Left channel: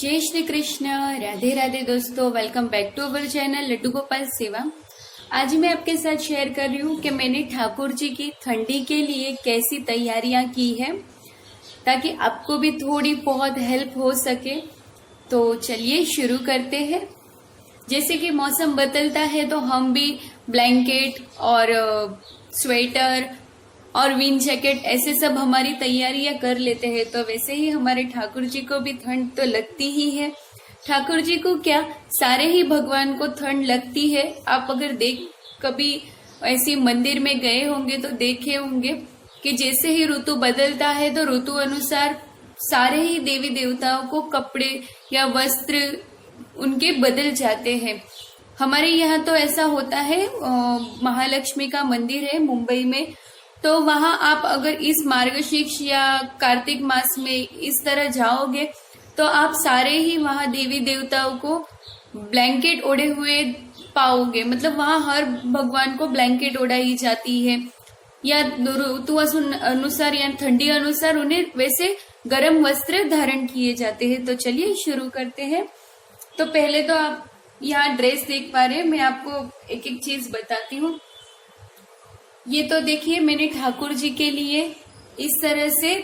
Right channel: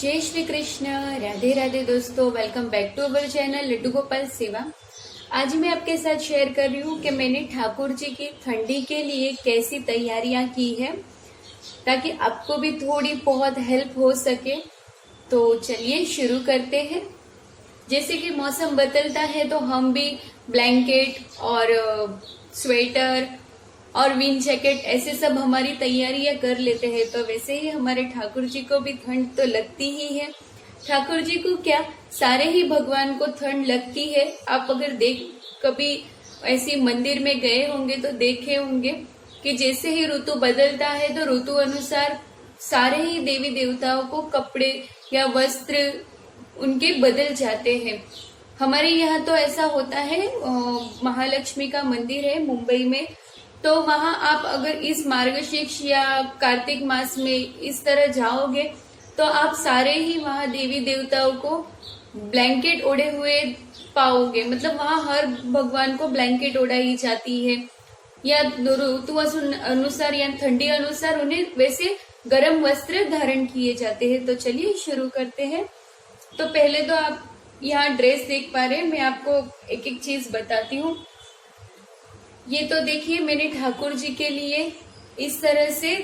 जय श्री कृष्ण। राधे राधे दोस्तों, welcome back to our channel Laddu Gopal Seva. आज मैं आपके साथ शेयर कर रही हूँ कि मैंने ठाकुर जी की ठंडी के लिए कैसी तैयारियां की है, ताकि आपको भी थोड़ी बहुत हेल्प हो सके। तो चलिए शुरू करते हैं। जैसे कि मौसम बदलता है तो हम भी ब्लैंकेट और स्वेटर और विन जैकेट ऐसे सब हमारी तैयारियां कर लेते हैं। तो वैसे ही हमारे ठाकुर जी को भी ठंड तो लगती ही है। ठाकुर जी को क्या, सारे ही भगवान को ठंड लगती है। आप अगर कभी ऐसी मंदिर में गए होंगे तो देखे होंगे कि जैसे ही ऋतु बदलता है तो ऋतु अनुसार सारे ही देवी देवताओं को कपड़े या वस्त्र उनके बदल जाते हैं। हमारे यहाँ तो ऐसा होता है, महालक्ष्मी का मंदिर है मुंबई में, तो वहां आप अगर इस मार्गशीर्ष या कार्तिक मास में इस तरह जाओगे तो आप सारे ही वहां देवी देवताओं को ब्लैंकेट ओढ़े हुए पाओगे। मतलब वहां हर भगवान को ब्लैंकेट ओढ़ाई जाती है, या ऋतु अनुसार या ठंडी अनुसार उन्हें वैसे गर्म वस्त्र धारण किए जाते हैं। तो चलिए शुरू करते हैं। तो पहले तो आप यहाँ ड्रेस देख पा रहे हैं, मैं आपको एक एक चीज बताती हूँ। ये तो देखिए मैंने ठाकुर जी के लिए इस तरह से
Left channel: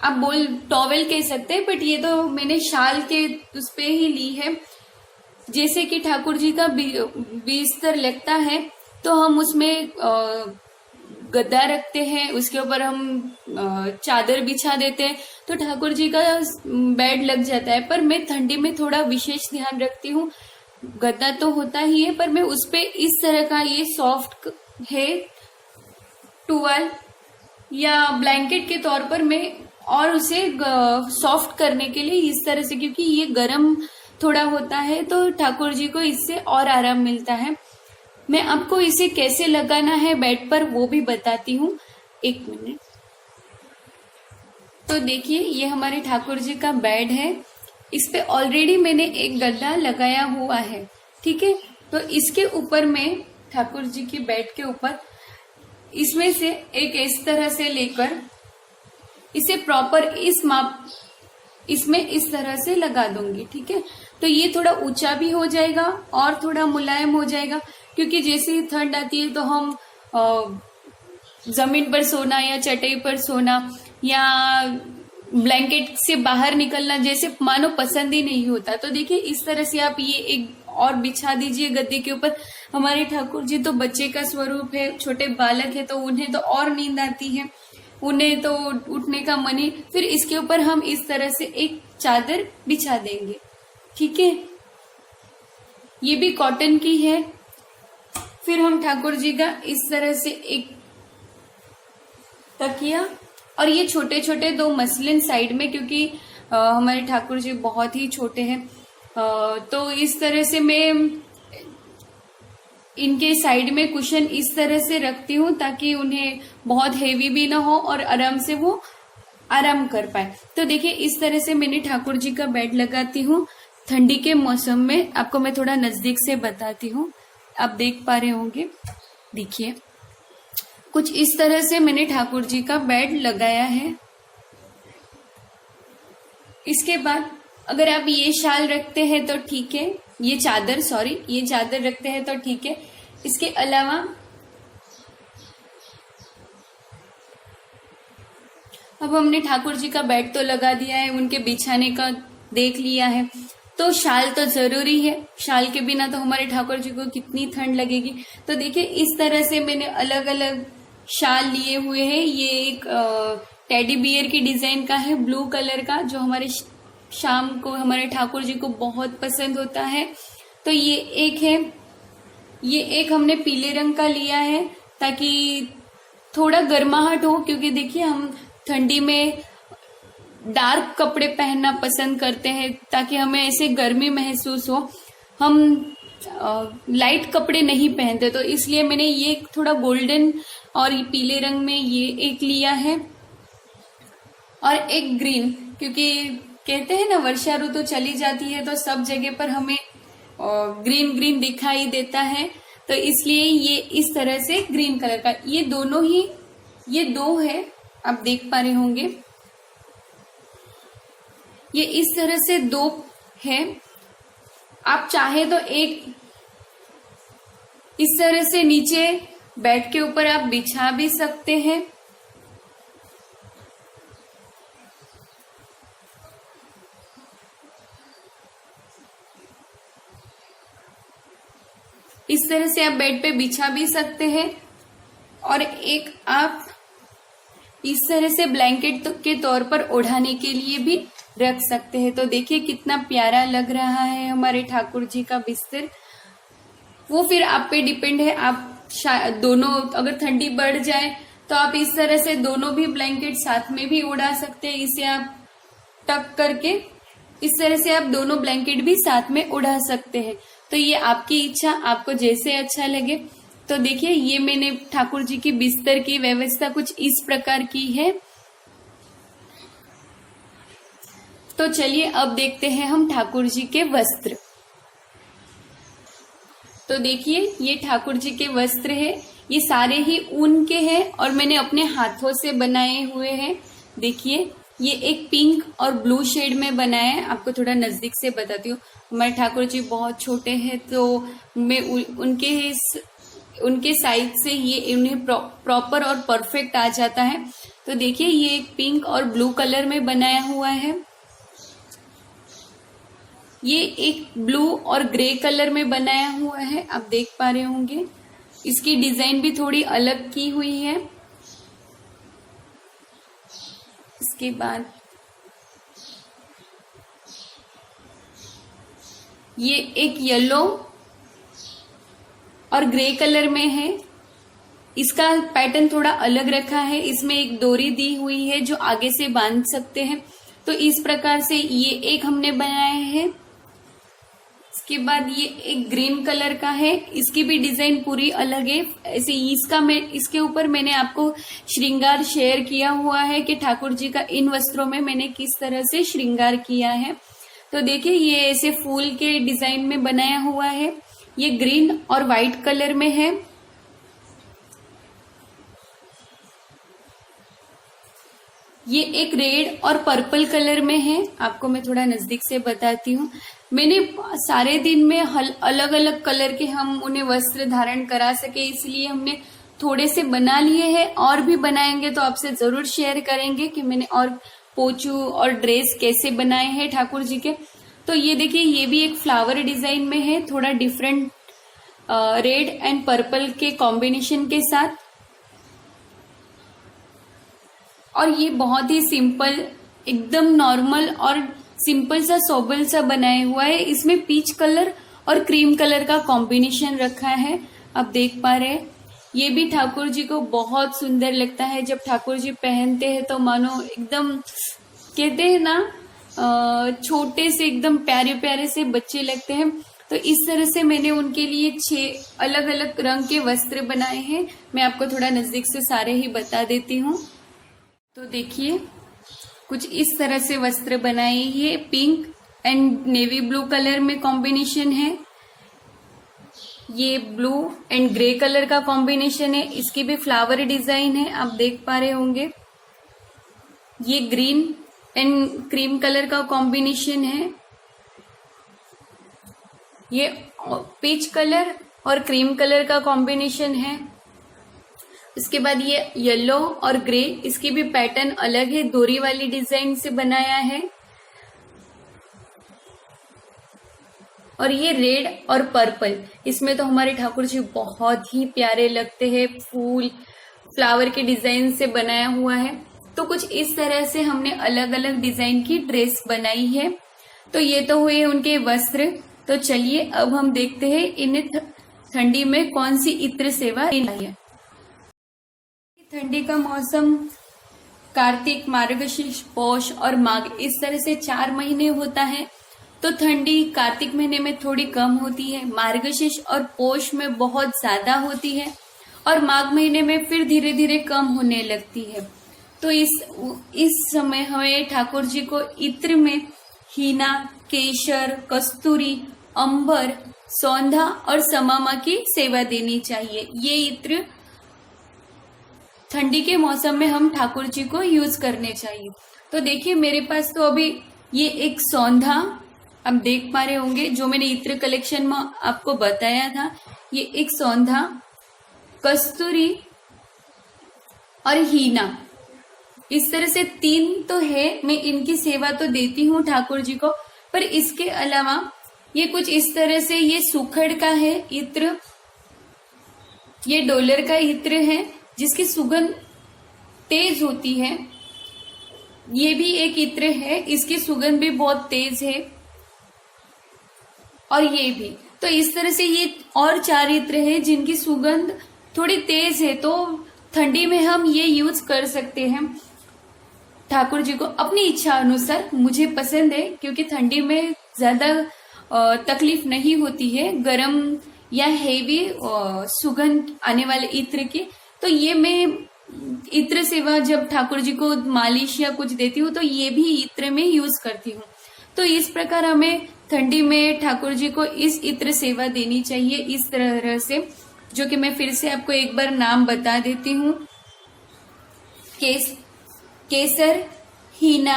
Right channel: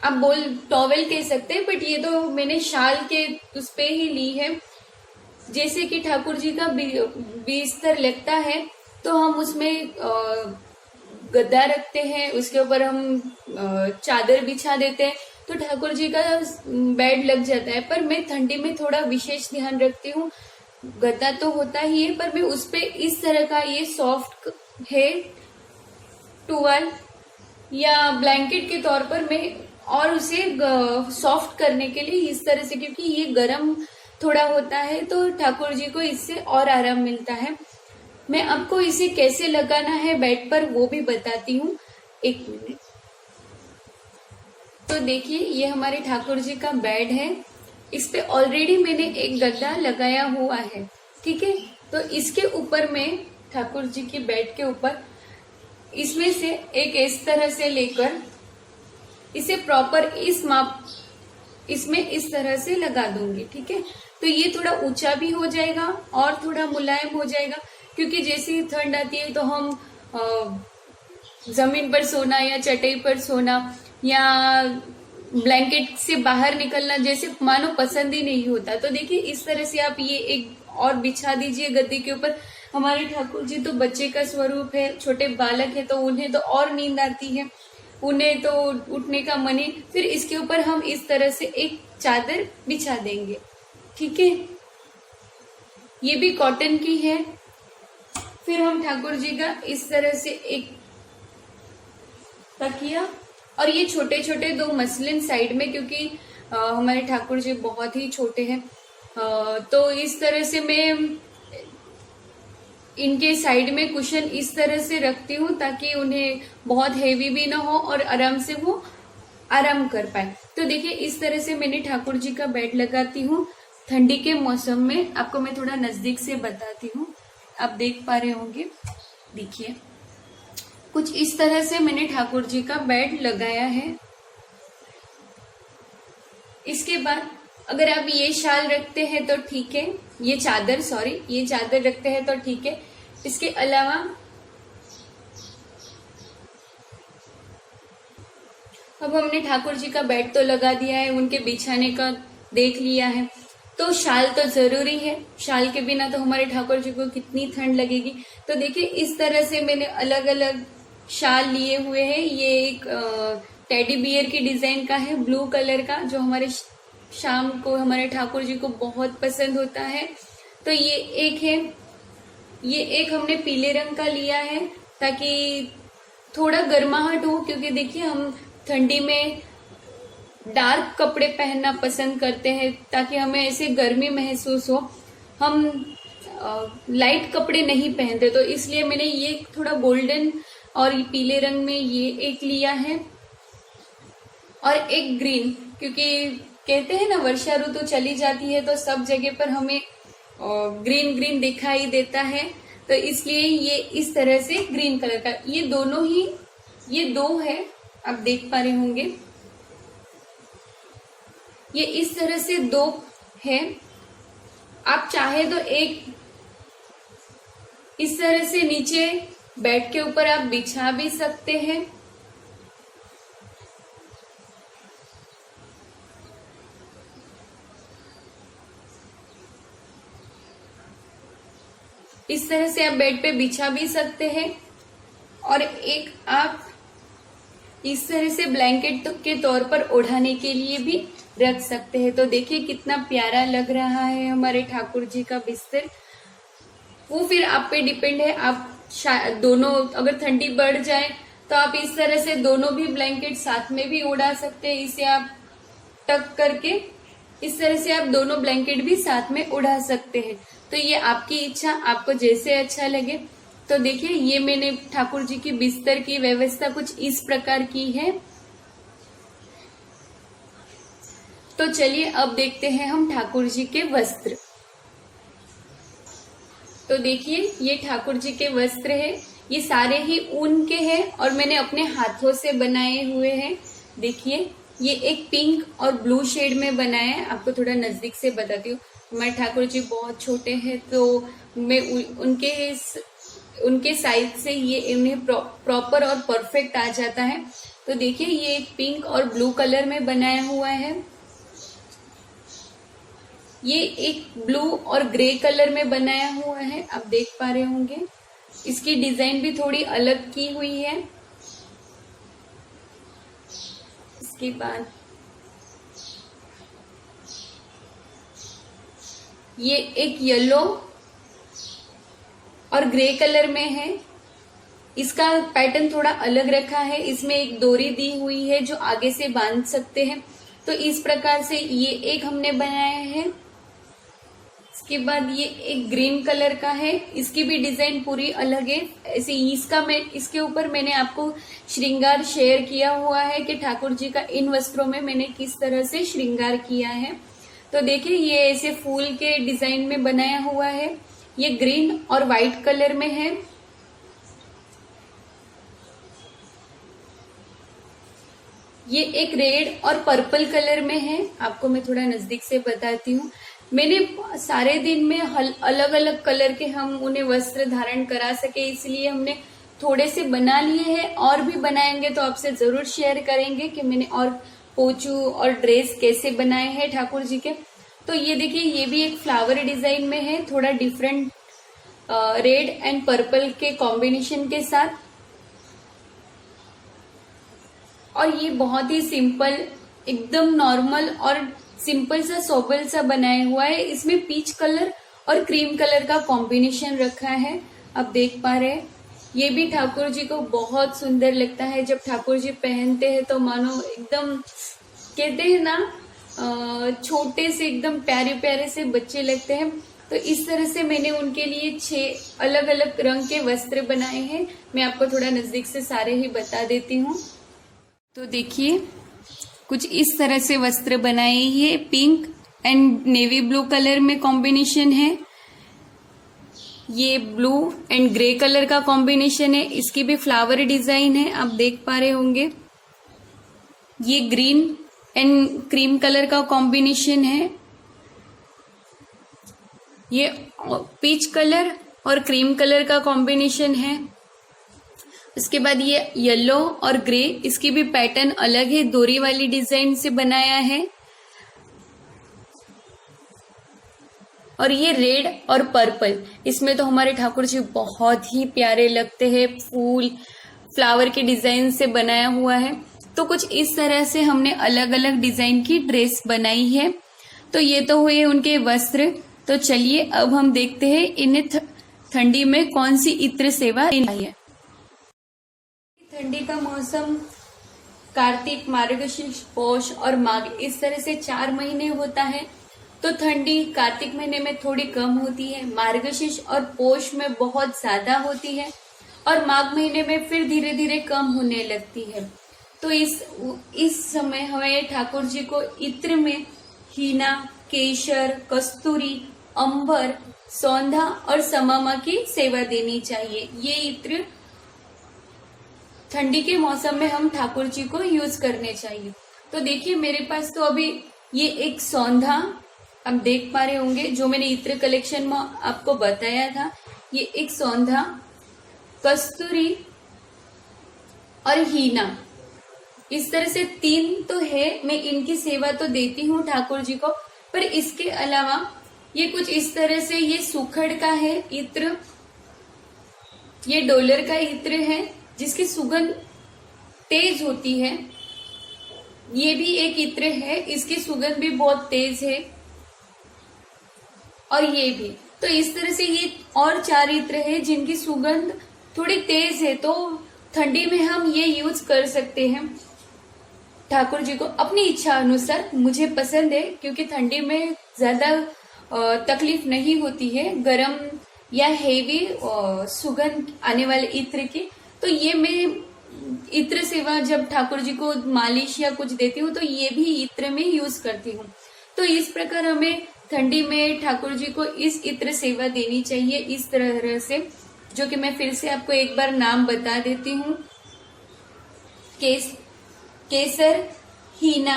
आप टॉवेल कह सकते हैं, बट ये तो मैंने शाल के उस पे ही ली है। जैसे कि ठाकुर जी का बिस्तर लगता है तो हम उसमें गद्दा रखते हैं, उसके ऊपर हम चादर बिछा देते हैं तो ठाकुर जी का बेड लग जाता है। पर मैं ठंडी में थोड़ा विशेष ध्यान रखती हूँ। गद्दा तो होता ही है, पर मैं उस पे इस तरह का ये सॉफ्ट है टूवल या ब्लैंकेट के तौर पर मैं और उसे सॉफ्ट करने के लिए इस तरह से, क्योंकि ये गर्म थोड़ा होता है तो ठाकुर जी को इससे और आराम मिलता है। मैं आपको इसे कैसे लगाना है बेड पर वो भी बताती हूँ, एक मिनट। तो देखिए ये हमारे ठाकुर जी का बेड है, इस पे ऑलरेडी मैंने एक गद्दा लगाया हुआ है, ठीक है। तो इसके ऊपर मैं ठाकुर जी की बेड के ऊपर इसमें से एक इस तरह से लेकर इसे प्रॉपर इस माप इसमें इस तरह से लगा दूंगी, ठीक है। तो ये थोड़ा ऊंचा भी हो जाएगा और थोड़ा मुलायम हो जाएगा, क्योंकि जैसे ही ठंड आती है तो हम जमीन पर सोना या चटाई पर सोना या ब्लैंकेट से बाहर निकलना जैसे मानो पसंद ही नहीं होता। तो देखिए इस तरह से आप ये एक और बिछा दीजिए गद्दे के ऊपर। हमारे ठाकुर जी तो बच्चे का स्वरूप है, छोटे बालक है, तो उन्हें तो और नींद आती है, उन्हें तो उठने का मन ही। फिर इसके ऊपर हम इस तरह से एक चादर बिछा देंगे, ठीक है। ये भी कॉटन की है। फिर हम ठाकुर जी का इस तरह से एक तकिया और ये छोटे छोटे दो मसलिन साइड में, क्योंकि हमारे ठाकुर जी बहुत ही छोटे हैं, तो इस तरह से मैं इनके साइड में कुशन इस तरह से रखती हूँ ताकि उन्हें बहुत हेवी भी ना हो और आराम से वो आराम कर पाए। तो देखिए इस तरह से मैंने ठाकुर जी का बेड लगाती हूँ। ठंडी के मौसम में आपको मैं थोड़ा नजदीक से बताती हूँ, आप देख पा रहे होंगे। देखिए कुछ इस तरह से मैंने ठाकुर जी का बेड लगाया है। इसके बाद अगर आप ये शाल रखते हैं तो ठीक है, ये चादर रखते हैं तो ठीक है। इसके अलावा अब हमने ठाकुर जी का बेड तो लगा दिया है, उनके बिछाने का देख लिया है, तो शाल तो जरूरी है। शाल के बिना तो हमारे ठाकुर जी को कितनी ठंड लगेगी। तो देखिए इस तरह से मैंने अलग अलग शाल लिए हुए हैं। ये एक टेडी बियर की डिजाइन का है, ब्लू कलर का, जो हमारे शाम को हमारे ठाकुर जी को बहुत पसंद होता है। तो ये एक है, ये एक हमने पीले रंग का लिया है ताकि थोड़ा गर्माहट हो, क्योंकि देखिए हम ठंडी में डार्क कपड़े पहनना पसंद करते हैं ताकि हमें ऐसे गर्मी महसूस हो। हम लाइट कपड़े नहीं पहनते, तो इसलिए मैंने ये थोड़ा गोल्डन और पीले रंग में ये एक लिया है, और एक ग्रीन, क्योंकि कहते हैं ना वर्षा ऋतु चली जाती है तो सब जगह पर हमें ग्रीन ग्रीन दिखाई देता है, तो इसलिए ये इस तरह से ग्रीन कलर का, ये दो है, आप देख पा रहे होंगे। ये इस तरह से 2 है। आप चाहे तो एक इस तरह से नीचे बेड के ऊपर आप बिछा भी सकते हैं। इस तरह से आप बेड पे बिछा भी सकते हैं और एक आप इस तरह से ब्लैंकेट के तौर पर ओढ़ाने के लिए भी रख सकते हैं। तो देखिए कितना प्यारा लग रहा है हमारे ठाकुर जी का बिस्तर। वो फिर आप पे डिपेंड है, आप दोनों अगर ठंडी बढ़ जाए तो आप इस तरह से दोनों भी ब्लैंकेट साथ में भी उड़ा सकते हैं। इसे आप टक करके इस तरह से आप दोनों ब्लैंकेट भी साथ में उड़ा सकते हैं। तो ये आपकी इच्छा, आपको जैसे अच्छा लगे। तो देखिए ये मैंने ठाकुर जी की बिस्तर की व्यवस्था कुछ इस प्रकार की है। तो चलिए अब देखते हैं हम ठाकुर जी के वस्त्र। तो देखिए ये ठाकुर जी के वस्त्र है, ये सारे ही ऊन के हैं और मैंने अपने हाथों से बनाए हुए हैं। देखिए ये एक पिंक और ब्लू शेड में बनाया है। आपको थोड़ा नजदीक से बताती हूँ। हमारे ठाकुर जी बहुत छोटे हैं तो मैं उनके साइज से ये उन्हें प्रॉपर और परफेक्ट आ जाता है। तो देखिए ये एक पिंक और ब्लू कलर में बनाया हुआ है। ये एक ब्लू और ग्रे कलर में बनाया हुआ है, आप देख पा रहे होंगे। इसकी डिजाइन भी थोड़ी अलग की हुई है। इसके बाद ये एक येलो और ग्रे कलर में है। इसका पैटर्न थोड़ा अलग रखा है, इसमें एक डोरी दी हुई है जो आगे से बांध सकते हैं। तो इस प्रकार से ये एक हमने बनाया है। इसके बाद ये एक ग्रीन कलर का है, इसकी भी डिजाइन पूरी अलग है। ऐसे इसके ऊपर मैंने आपको श्रृंगार शेयर किया हुआ है कि ठाकुर जी का इन वस्त्रों में मैंने किस तरह से श्रृंगार किया है। तो देखिए ये ऐसे फूल के डिजाइन में बनाया हुआ है। ये ग्रीन और व्हाइट कलर में है। ये एक रेड और पर्पल कलर में है। आपको मैं थोड़ा नजदीक से बताती हूँ। मैंने सारे दिन में अलग अलग कलर के हम उन्हें वस्त्र धारण करा सके, इसलिए हमने थोड़े से बना लिए हैं। और भी बनाएंगे तो आपसे जरूर शेयर करेंगे कि मैंने और पोचू और ड्रेस कैसे बनाए हैं ठाकुर जी के। तो ये देखिए ये भी एक फ्लावर डिजाइन में है, थोड़ा डिफरेंट रेड एंड पर्पल के कॉम्बिनेशन के साथ। और ये बहुत ही सिंपल, एकदम नॉर्मल और सिंपल सा सोबल सा बनाया हुआ है। इसमें पीच कलर और क्रीम कलर का कॉम्बिनेशन रखा है, आप देख पा रहे हैं। ये भी ठाकुर जी को बहुत सुंदर लगता है। जब ठाकुर जी पहनते हैं तो मानो एकदम कहते हैं ना छोटे से एकदम प्यारे प्यारे से बच्चे लगते हैं। तो इस तरह से मैंने उनके लिए 6 अलग अलग रंग के वस्त्र बनाए हैं। मैं आपको थोड़ा नजदीक से सारे ही बता देती हूँ। तो देखिए कुछ इस तरह से वस्त्र बनाए हैं। Pink and navy blue colour में कॉम्बिनेशन है। ये ब्लू एंड ग्रे कलर का कॉम्बिनेशन है। इसकी भी फ्लावर डिजाइन है, आप देख पा रहे होंगे। ये ग्रीन एंड क्रीम कलर का कॉम्बिनेशन है। ये पीच कलर और क्रीम कलर का कॉम्बिनेशन है। उसके बाद ये येलो और ग्रे, इसकी भी पैटर्न अलग है, डोरी वाली डिजाइन से बनाया है। और ये रेड और पर्पल, इसमें तो हमारे ठाकुर जी बहुत ही प्यारे लगते हैं। फूल फ्लावर के डिजाइन से बनाया हुआ है। तो कुछ इस तरह से हमने अलग अलग डिजाइन की ड्रेस बनाई है। तो ये तो हुए उनके वस्त्र। तो चलिए अब हम देखते हैं इन्हें ठंडी में कौन सी इत्र सेवा है। ठंडी का मौसम कार्तिक, मार्गशीर्ष, पौष और माघ, इस तरह से 4 महीने होता है। तो ठंडी कार्तिक महीने में थोड़ी कम होती है, मार्गशीर्ष और पौष में बहुत ज्यादा होती है और माघ महीने में फिर धीरे धीरे कम होने लगती है। तो इस समय हमें ठाकुर जी को इत्र में हीना, केशर, कस्तूरी, अंबर, सौंधा और समामा की सेवा देनी चाहिए। ये इत्र ठंडी के मौसम में हम ठाकुर जी को यूज करने चाहिए। तो देखिए मेरे पास तो अभी ये एक सौंधा आप देख पा रहे होंगे, जो मैंने इत्र कलेक्शन में आपको बताया था। ये एक सौंधा, कस्तूरी और हीना, इस तरह से 3 तो है। मैं इनकी सेवा तो देती हूँ ठाकुर जी को, पर इसके अलावा ये कुछ इस तरह से, ये सुखड़ का है इत्र, ये डॉलर का इत्र है जिसकी सुगंध तेज होती है। ये भी एक इत्र है, इसकी सुगंध भी बहुत तेज है। और ये भी, तो इस तरह से ये और 4 इत्र है जिनकी सुगंध थोड़ी तेज है, तो ठंडी में हम ये यूज कर सकते हैं ठाकुर जी को अपनी इच्छा अनुसार। मुझे पसंद है क्योंकि ठंडी में ज्यादा तकलीफ नहीं होती है गरम या हेवी सुगंध आने वाले इत्र की। तो ये मैं इत्र सेवा जब ठाकुर जी को मालिश या कुछ देती हूँ तो ये भी इत्र में यूज करती हूँ। तो इस प्रकार हमें ठंडी में ठाकुर जी को इस इत्र सेवा देनी चाहिए इस तरह से, जो कि मैं फिर से आपको एक बार नाम बता देती हूँ। केसर, हीना,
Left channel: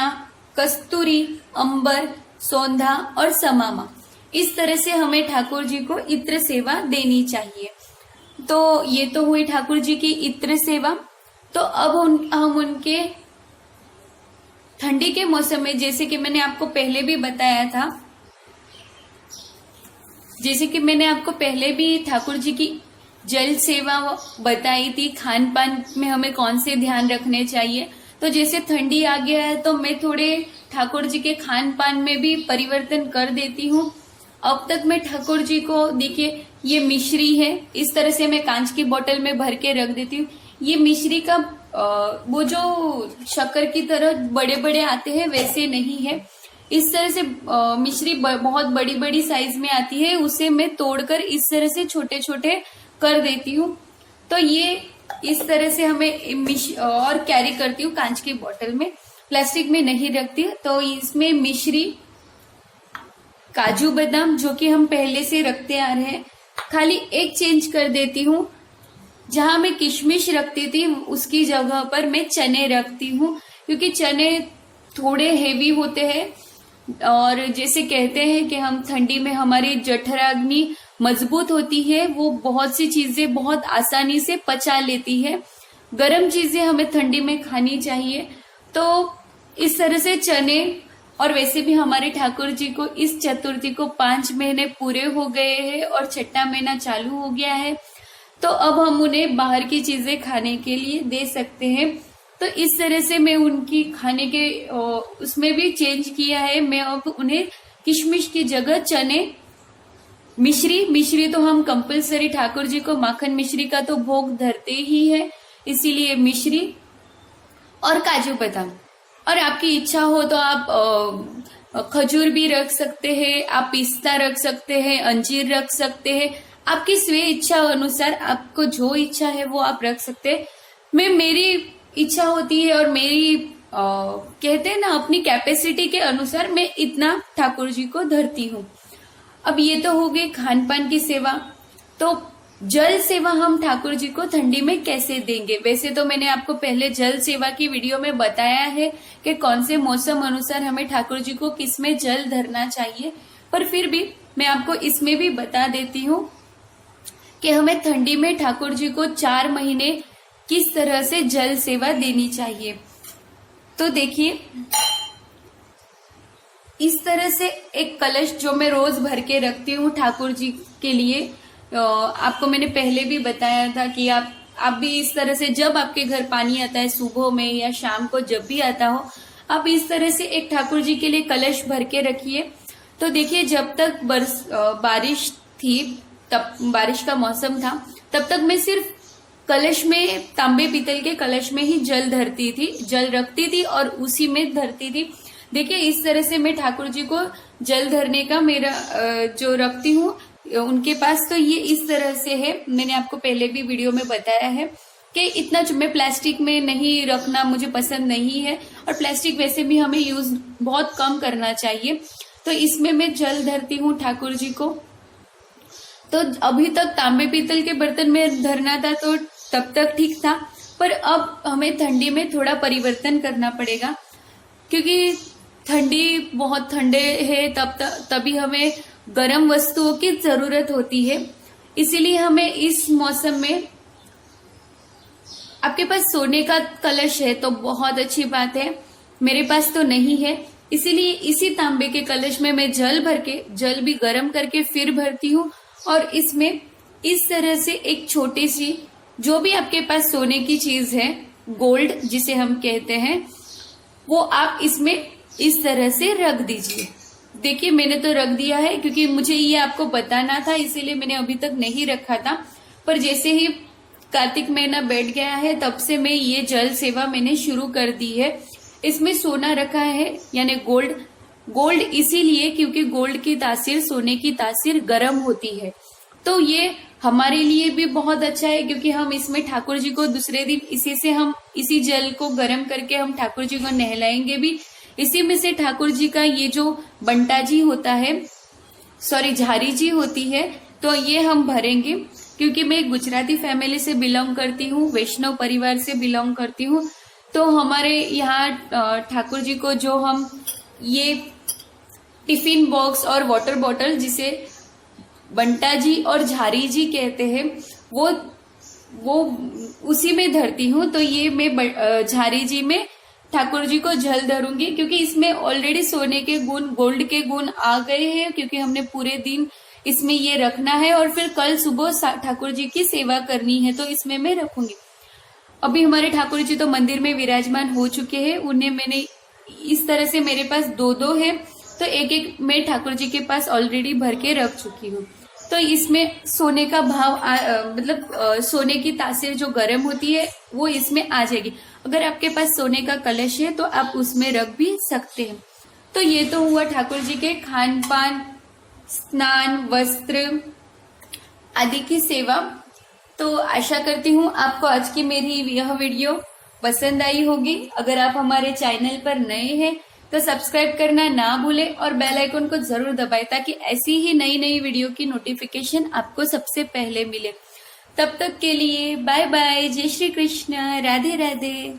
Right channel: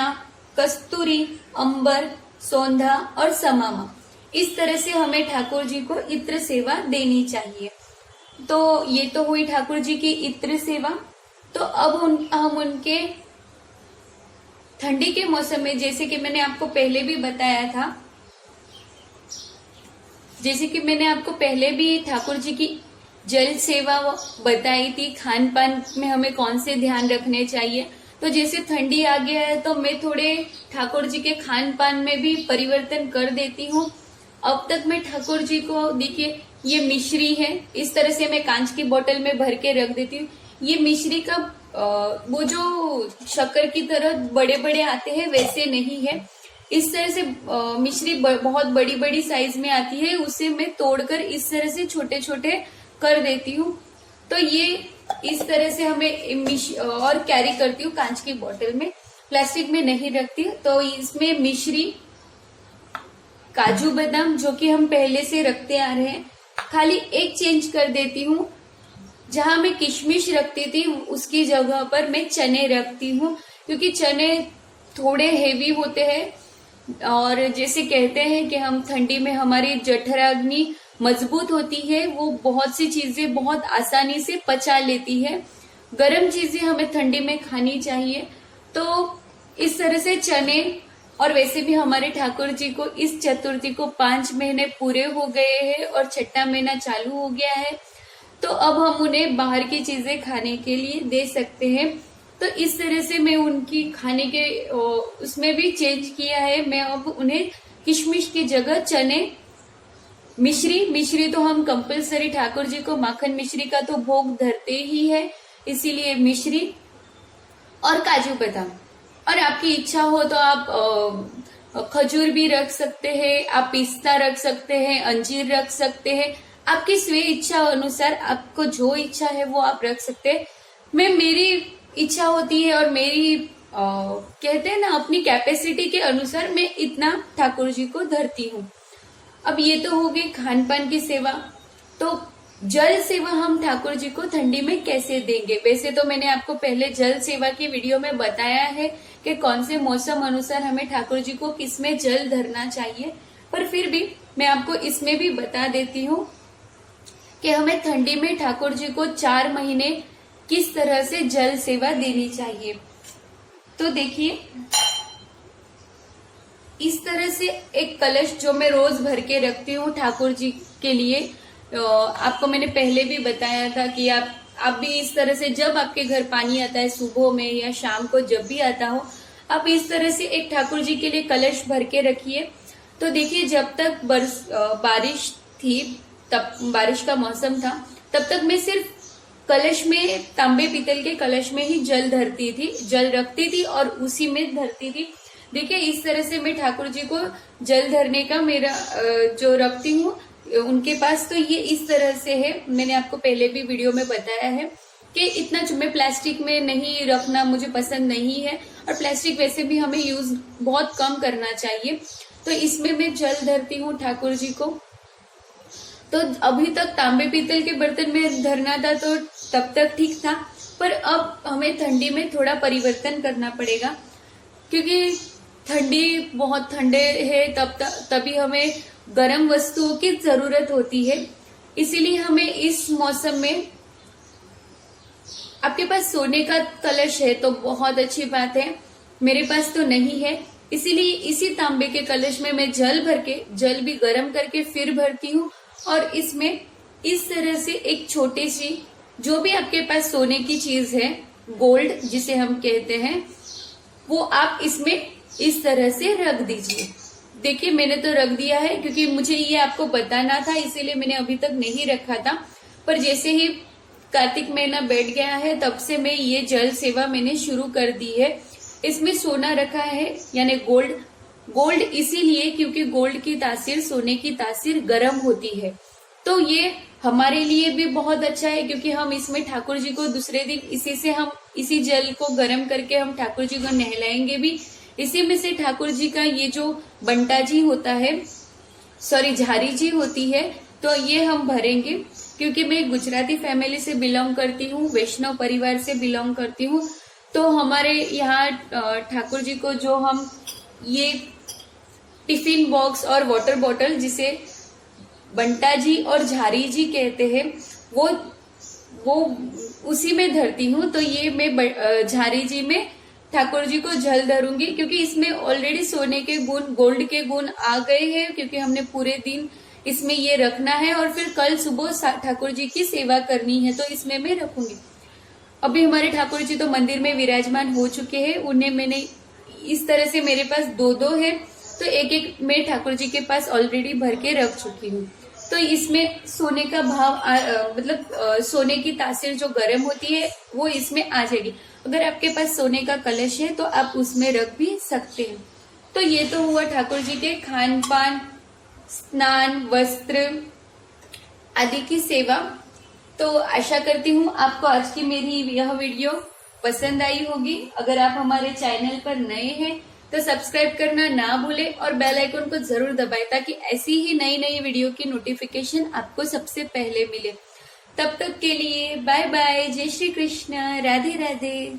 कस्तूरी, अंबर, सौंधा और समामा, इस तरह से हमें ठाकुर जी को इत्र सेवा देनी चाहिए। तो ये तो हुई ठाकुर जी की इत्र सेवा। तो अब हम उनके ठंडी के मौसम में, जैसे कि मैंने आपको पहले भी बताया था, जैसे कि मैंने आपको पहले भी ठाकुर जी की जल सेवा बताई थी, खान पान में हमें कौन से ध्यान रखने चाहिए। तो जैसे ठंडी आ गया है तो मैं थोड़े ठाकुर जी के खान पान में भी परिवर्तन कर देती हूँ। अब तक मैं ठाकुर जी को, देखिए ये मिश्री है, इस तरह से मैं कांच की बोतल में भर के रख देती हूँ। ये मिश्री का वो जो शक्कर की तरह बड़े बड़े आते हैं वैसे नहीं है, इस तरह से मिश्री बहुत बड़ी बड़ी साइज में आती है, उसे मैं तोड़कर इस तरह से छोटे छोटे कर देती हूँ। तो ये इस तरह से हमें और कैरी करती हूँ कांच की बोतल में, प्लास्टिक में नहीं रखती। तो इसमें मिश्री, काजू बादाम जो कि हम पहले से रखते आ रहे हैं, खाली एक चेंज कर देती हूँ, जहां मैं किशमिश रखती थी उसकी जगह पर मैं चने रखती हूँ, क्योंकि चने थोड़े हेवी होते हैं और जैसे कहते हैं कि हम ठंडी में हमारी जठराग्नि मजबूत होती है, वो बहुत सी चीजें बहुत आसानी से पचा लेती है। गर्म चीजें हमें ठंडी में खानी चाहिए। तो इस तरह से चने, और वैसे भी हमारे ठाकुर जी को इस चतुर्थी को 5 महीने पूरे हो गए हैं और 6वां महीना चालू हो गया है, तो अब हम उन्हें बाहर की चीजें खाने के लिए दे सकते हैं। तो इस तरह से मैं उनकी खाने के उसमें भी चेंज किया है। मैं अब उन्हें किशमिश की जगह चने, मिश्री तो हम कंपलसरी ठाकुर जी को माखन मिश्री का तो भोग धरते ही है, इसीलिए मिश्री और काजू बादाम। और आपकी इच्छा हो तो आप खजूर भी रख सकते हैं, आप पिस्ता रख सकते हैं, अंजीर रख सकते हैं, आपकी स्वे इच्छा अनुसार आपको जो इच्छा है वो आप रख सकते हैं। मेरी इच्छा होती है और मेरी कहते हैं ना अपनी कैपेसिटी के अनुसार मैं इतना ठाकुर जी को धरती हूँ। अब ये तो हो गई खान पान की सेवा। तो जल सेवा हम ठाकुर जी को ठंडी में कैसे देंगे? वैसे तो मैंने आपको पहले जल सेवा की वीडियो में बताया है कि कौन से मौसम अनुसार हमें ठाकुर जी को किसमें जल धरना चाहिए, पर फिर भी मैं आपको इसमें भी बता देती हूँ कि हमें ठंडी में ठाकुर जी को 4 महीने किस तरह से जल सेवा देनी चाहिए। तो देखिए, इस तरह से एक कलश जो मैं रोज भर के रखती हूँ ठाकुर जी के लिए, आपको मैंने पहले भी बताया था कि आप भी इस तरह से, जब आपके घर पानी आता है सुबह में या शाम को, जब भी आता हो, आप इस तरह से एक ठाकुर जी के लिए कलश भर के रखिए। तो देखिए, जब तक बारिश थी, तब बारिश का मौसम था, तब तक मैं सिर्फ कलश में, तांबे पीतल के कलश में ही जल धरती थी, जल रखती थी और उसी में धरती थी। देखिए, इस तरह से मैं ठाकुर जी को जल धरने का मेरा जो रखती हूँ उनके पास, तो ये इस तरह से है। मैंने आपको पहले भी वीडियो में बताया है कि इतना मैं प्लास्टिक में नहीं रखना मुझे पसंद नहीं है, और प्लास्टिक वैसे भी हमें यूज बहुत कम करना चाहिए। तो इसमें मैं जल धरती हूँ ठाकुर जी को। तो अभी तक तांबे पीतल के बर्तन में धरना था तो तब तक ठीक था, पर अब हमें ठंडी में थोड़ा परिवर्तन करना पड़ेगा, क्योंकि ठंडी बहुत ठंडे है तभी हमें गर्म वस्तुओं की जरूरत होती है। इसीलिए हमें इस मौसम में, आपके पास सोने का कलश है तो बहुत अच्छी बात है, मेरे पास तो नहीं है, इसीलिए इसी तांबे के कलश में मैं जल भर के, जल भी गर्म करके फिर भरती हूँ और इसमें इस तरह से एक छोटी सी, जो भी आपके पास सोने की चीज है, गोल्ड जिसे हम कहते हैं, वो आप इसमें इस तरह से रख दीजिए। देखिए मैंने तो रख दिया है, क्योंकि मुझे ये आपको बताना था इसीलिए मैंने अभी तक नहीं रखा था। पर जैसे ही कार्तिक महीना बैठ गया है तब से मैं ये जल सेवा मैंने शुरू कर दी है। इसमें सोना रखा है, यानी गोल्ड। गोल्ड इसीलिए क्योंकि गोल्ड की तासीर सोने की तासीर गर्म होती है, तो ये हमारे लिए भी बहुत अच्छा है, क्योंकि हम इसमें ठाकुर जी को दूसरे दिन इसी जल को गर्म करके हम ठाकुर जी को नहलाएंगे भी। इसी में से ठाकुर जी का ये जो बंटा जी होता है, सॉरी झारी जी होती है, तो ये हम भरेंगे। क्योंकि मैं गुजराती फैमिली से बिलोंग करती हूँ, वैष्णव परिवार से बिलोंग करती हूँ, तो हमारे यहाँ ठाकुर जी को जो हम ये टिफिन बॉक्स और वाटर बॉटल, जिसे बंटा जी और झारी जी कहते हैं, वो उसी में धरती हूँ। तो ये मैं झारी जी में ठाकुर जी को जल धरूंगी, क्योंकि इसमें ऑलरेडी सोने के गुण, गोल्ड के गुण आ गए हैं, क्योंकि हमने पूरे दिन इसमें ये रखना है और फिर कल सुबह ठाकुर जी की सेवा करनी है, तो इसमें मैं रखूंगी। अभी हमारे ठाकुर जी तो मंदिर में विराजमान हो चुके हैं, उन्हें मैंने इस तरह से, मेरे पास दो है, तो एक एक मैं ठाकुर जी के पास ऑलरेडी भर के रख चुकी हूँ। तो इसमें सोने का भाव सोने की तासीर जो गर्म होती है वो इसमें आ जाएगी। अगर आपके पास सोने का कलश है तो आप उसमें रख भी सकते हैं। तो ये तो हुआ ठाकुर जी के खान पान, स्नान, वस्त्र आदि की सेवा। तो आशा करती हूँ आपको आज की मेरी यह वीडियो पसंद आई होगी। अगर आप हमारे चैनल पर नए हैं तो सब्सक्राइब करना ना भूलें और बेल आइकन को जरूर दबाएं, ताकि ऐसी ही नई नई वीडियो की नोटिफिकेशन आपको सबसे पहले मिले। तब तक के लिए बाय बाय, जय श्री कृष्ण, राधे राधे।